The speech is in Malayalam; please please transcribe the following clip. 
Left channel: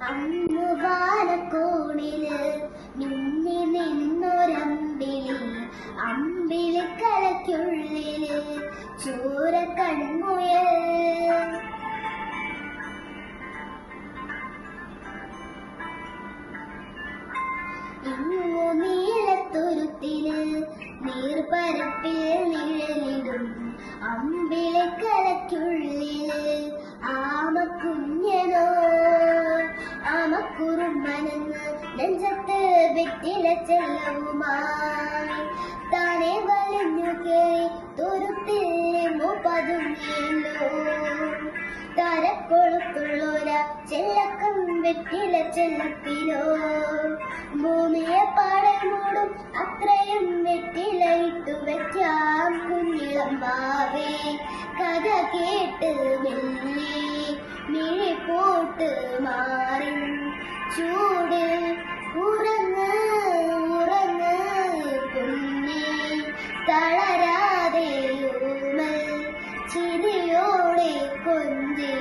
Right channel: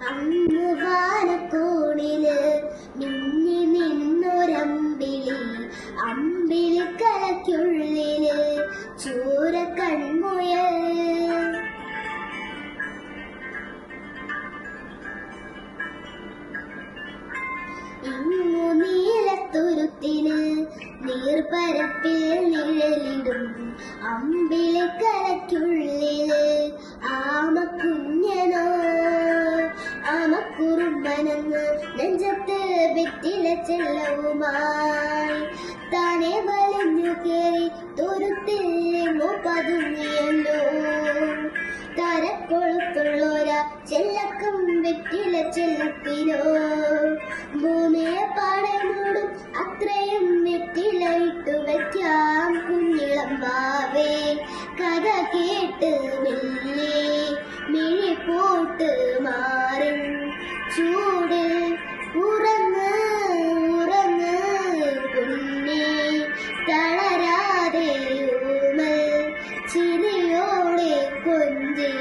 അന്ന് വാനക്കോണിൽ മിന്നി ചൂര നീലത്തുരുത്തിന് നീർപ്പരപ്പിൽ നിഴലിടും. അമ്പിളിക്കലയ്ക്കുള്ളിൽ ആമക്കുറുമ്പനെന്ന് നെഞ്ചത്ത് വിറ്റില ചെല്ലവുമായി താനെ വലിഞ്ഞു കേറി തുരുത്തിന്നു പതുങ്ങിയല്ലോ തലക്കൊളുത്തുള്ളോര ചെല്ലക്കം വെറ്റില ചെല്ലത്തിനോ. ഭൂമിയെ പാടനോടും അത്രയും വെറ്റിലയിട്ടു വയ്ക്കാം കുഞ്ഞിളമ്മാവേ കഥ കേട്ട് മെല്ലെ മിഴി പോട്ട് തളരാതെ ചിരിയോടെ കൊഞ്ചി